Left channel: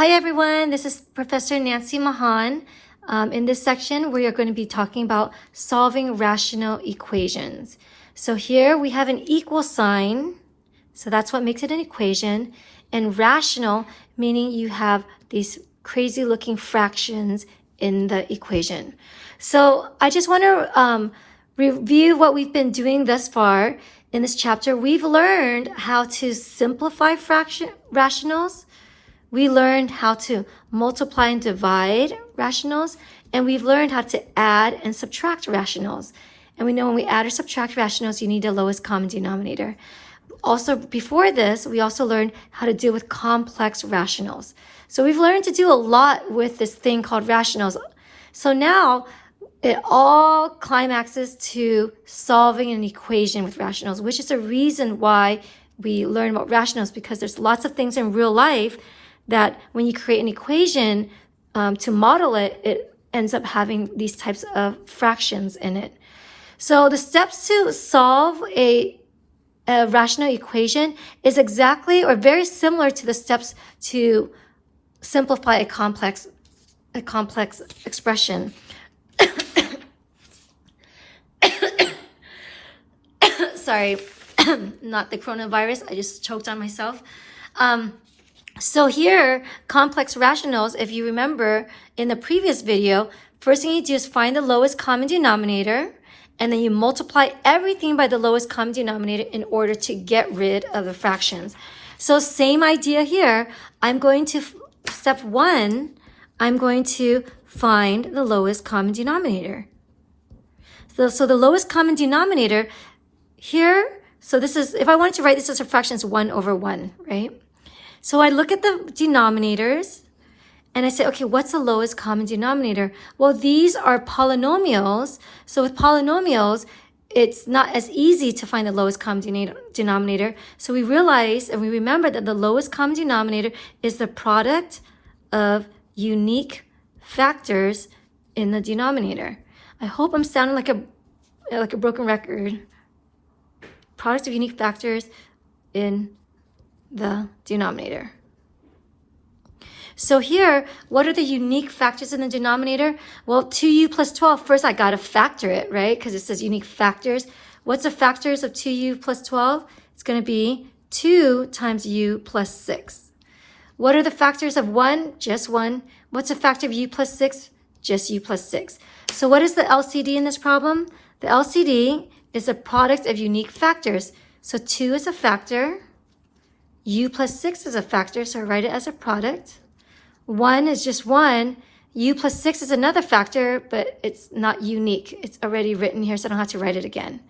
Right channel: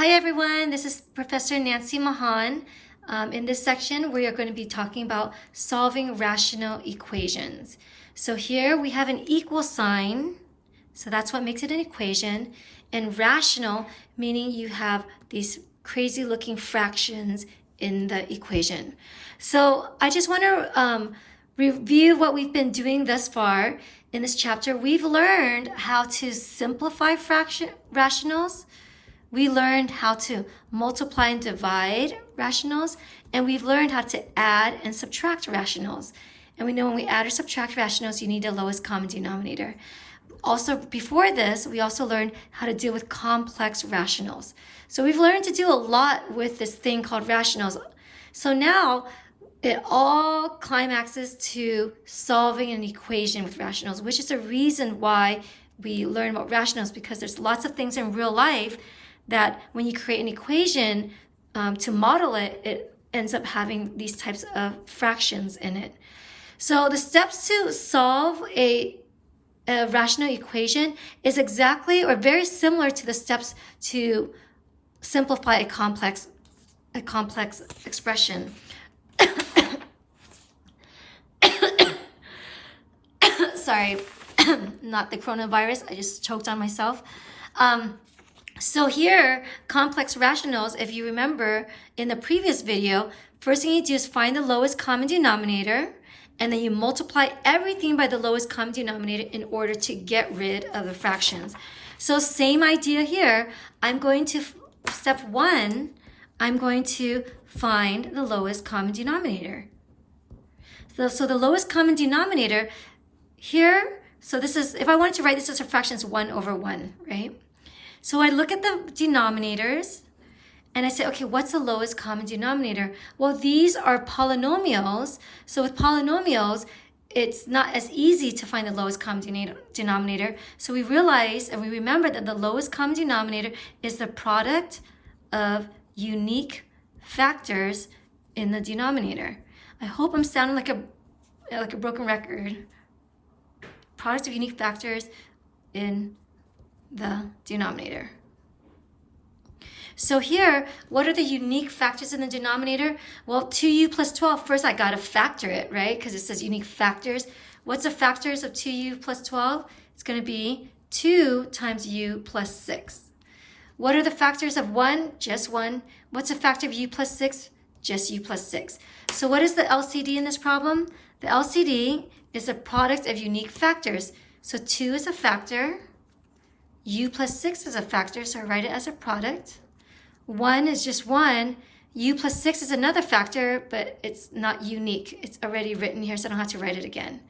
Hi everyone, this is Professor Nancy Mahan. In this section, we are going to be talking about solving rational equations. So here we have an equal sign, so that's what makes it an equation, and rational, meaning you have these crazy looking fractions in the equation. So I just want to review what we've been doing thus far in this chapter. We've learned how to simplify rationals. We learned how to multiply and divide rationals, and we've learned how to add and subtract rationals. And we know when we add or subtract rationals, you need the lowest common denominator. Also, before this, we also learned how to deal with complex rationals. So we've learned to do a lot with this thing called rationals. So now it all climaxes to solving an equation with rationals, which is a reason why we learn about rationals, because there's lots of things in real life that when you create an equation to model it, it ends up having these types of fractions in it. So the steps to solve a rational equation is exactly or very similar to the steps to simplify a complex expression. Sorry, not the coronavirus. I just choked on myself. So here, complex rationals, if you remember in the previous video, first thing you do is find the lowest common denominator, and then you multiply everything by the lowest common denominator in order to get rid of the fractions. So same idea here. I'm going to, step one, I'm going to find the lowest common denominator. So the lowest common denominator here, so this is, if I wanted to write this as a fraction, it's 1 over 1, right? So I look at the denominators and I say, okay, what's the lowest common denominator? Well, these are polynomials. So with polynomials, it's not as easy to find the lowest common denominator. So we realize and we remember that the lowest common denominator is the product of unique factors in the denominator. I hope I'm sounding like a broken record. Product of unique factors in the denominator. So here, what are the unique factors in the denominator? Well, 2u plus 12, first I gotta factor it, right? Because it says unique factors. What's the factors of 2u plus 12? It's gonna be 2 times u plus 6. What are the factors of 1? Just 1. What's the factor of u plus 6? Just u plus 6. So what is the LCD in this problem? The LCD is a product of unique factors. So 2 is a factor. U plus 6 is a factor, so I write it as a product. 1 is just 1. U plus 6 is another factor, but it's not unique. It's already written here, so I don't have to write it again.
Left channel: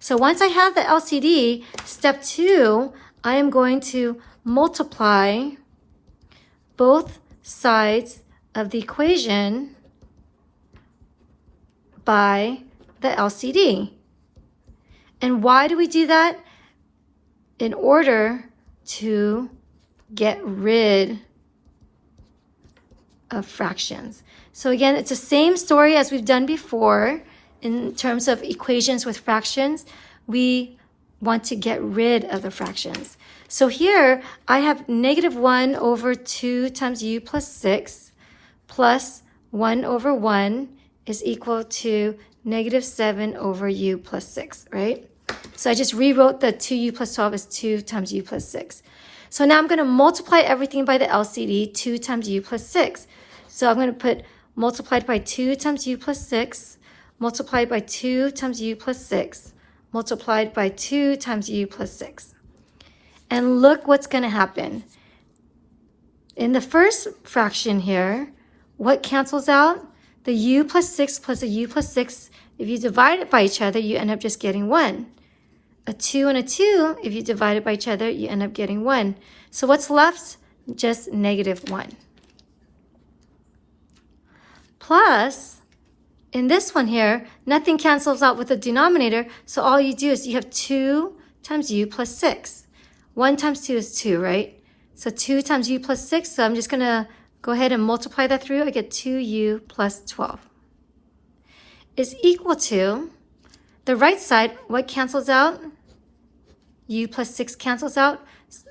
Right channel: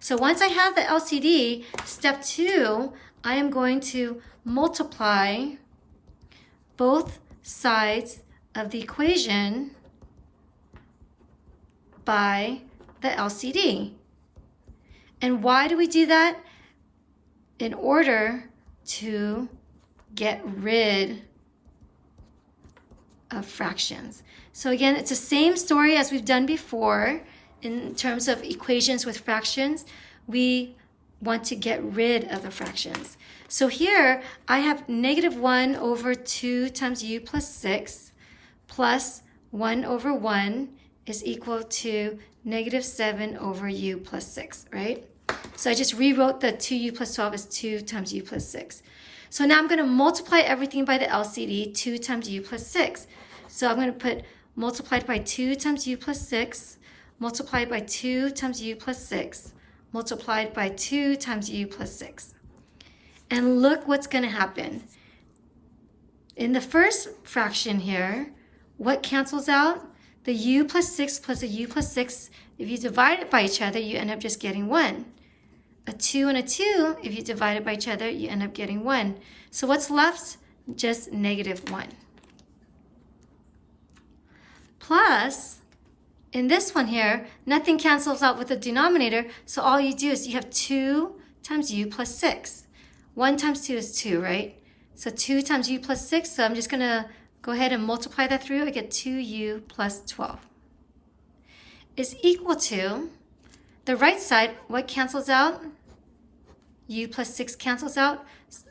So once I have the LCD, step 2, I am going to multiply both sides of the equation by the LCD. And why do we do that? In order to get rid of fractions. So again, it's the same story as we've done before in terms of equations with fractions. We want to get rid of the fractions. So here I have negative 1 over 2 times u plus 6 plus 1 over 1 is equal to negative 7 over u plus 6, right? So I just rewrote the 2u plus 12 as 2 times u plus 6. So now I'm going to multiply everything by the LCD, 2 times u plus 6. So I'm going to put multiplied by 2 times u plus 6, multiplied by 2 times u plus 6, multiplied by 2 times u plus 6. And look what's going to happen. In the first fraction here, what cancels out? The u plus 6 plus a u plus 6, if you divide it by each other, you end up just getting 1. A 2 and a 2, if you divide it by each other, you end up getting 1. So what's left? Just negative 1. Plus, in this one here, nothing cancels out with the denominator, so all you do is you have 2 times u plus 6. 1 times 2 is 2, right? So 2 times u plus 6, so I'm just going to go ahead and multiply that through. I get 2u plus 12 is equal to, the right side, what cancels out? U plus 6 cancels out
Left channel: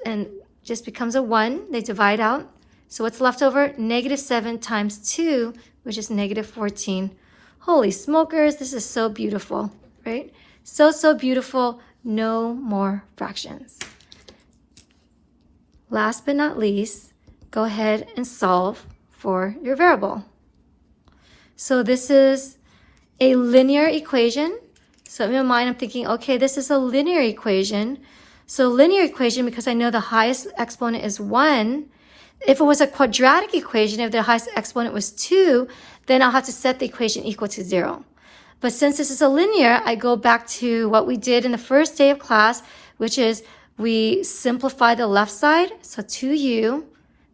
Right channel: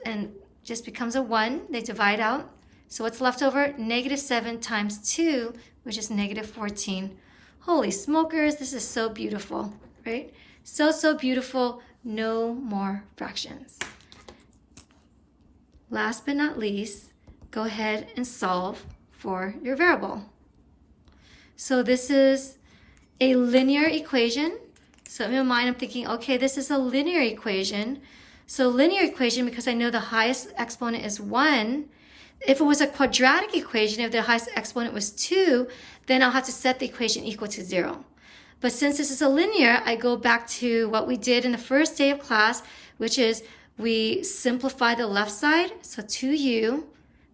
and just becomes a 1. They divide out. So what's left over? Negative 7 times 2, which is negative 14. Holy smokers, this is so beautiful, right? So, so beautiful. No more fractions. Last but not least, go ahead and solve for your variable. So this is a linear equation. So in my mind, I'm thinking, okay, this is a linear equation. So linear equation, because I know the highest exponent is 1. If it was a quadratic equation, if the highest exponent was 2, then I'll have to set the equation equal to 0. But since this is a linear, I go back to what we did in the first day of class, which is we simplify the left side. So 2u,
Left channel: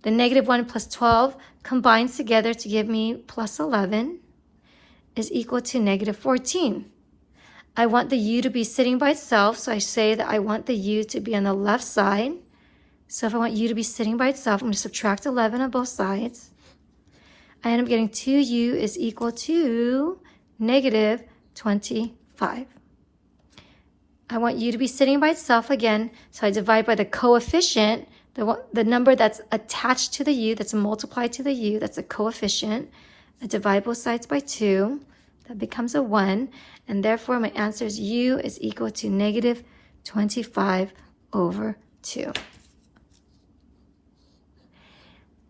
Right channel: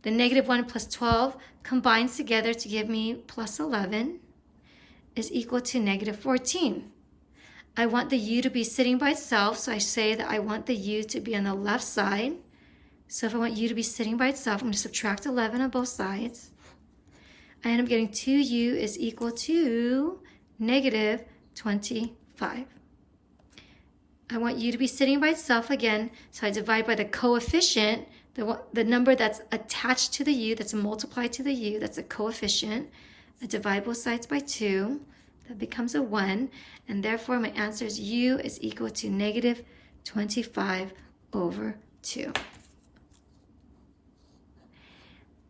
the negative 1 plus 12 combines together to give me plus 11 is equal to negative 14. I want the u to be sitting by itself, so I say that I want the u to be on the left side. So if I want u to be sitting by itself, I'm going to subtract 11 on both sides. I end up getting 2u is equal to negative 25. I want u to be sitting by itself again, so I divide by the coefficient, the number that's attached to the u, that's multiplied to the u, that's a coefficient. I divide both sides by 2. That becomes a 1, and therefore my answer is u is equal to negative 25 over 2.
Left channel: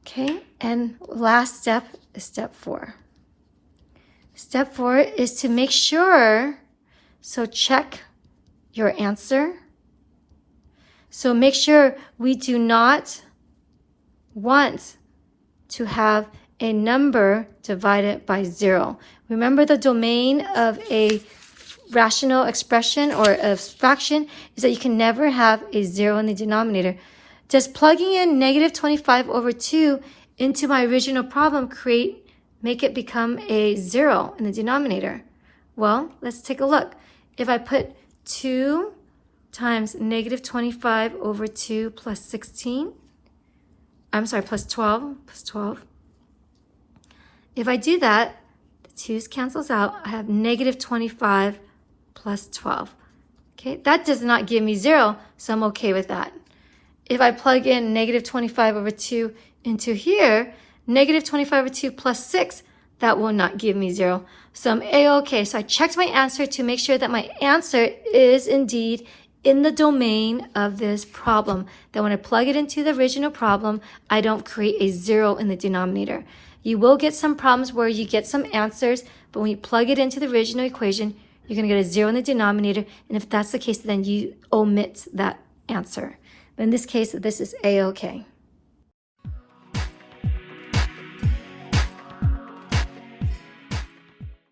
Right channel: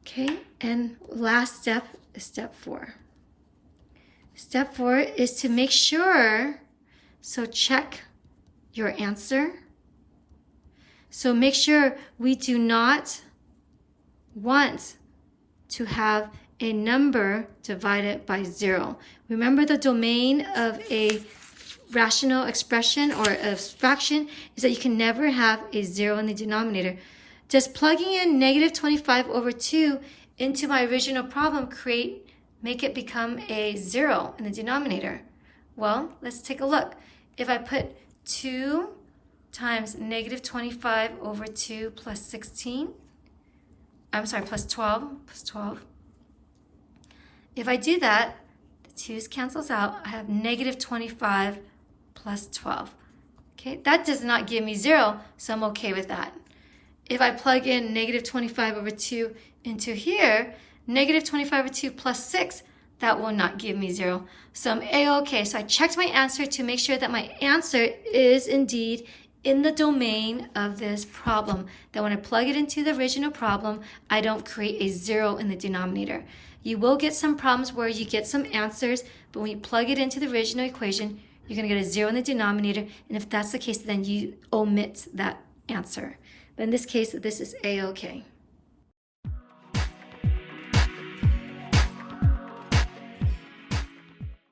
Okay, and last step is step 4. Step 4 is to make sure, so check your answer. So make sure we do not want to have a number divided by 0. Remember, the domain of a rational expression or a fraction is that you can never have a 0 in the denominator. Just plugging in negative 25 over 2 into my original problem make it become a 0 in the denominator. Well, let's take a look. If I put 2 times negative 25 over 2 plus 16, plus 12. If I do that, the 2's cancels out. I have negative 25 plus 12. Okay, that does not give me 0, so I'm okay with that. If I plug in negative 25 over 2 into here, negative 25 over 2 plus 6, that will not give me 0. So I'm A-okay. So I checked my answer to make sure that my answer is indeed in the domain of this problem. That when I plug it into the original problem, I don't create a 0 in the denominator. You will get some problems where you get some answers, but when you plug it into the original equation, you're going to get a 0 in the denominator. And if that's the case, then you omit that answer. But in this case, this is A-okay.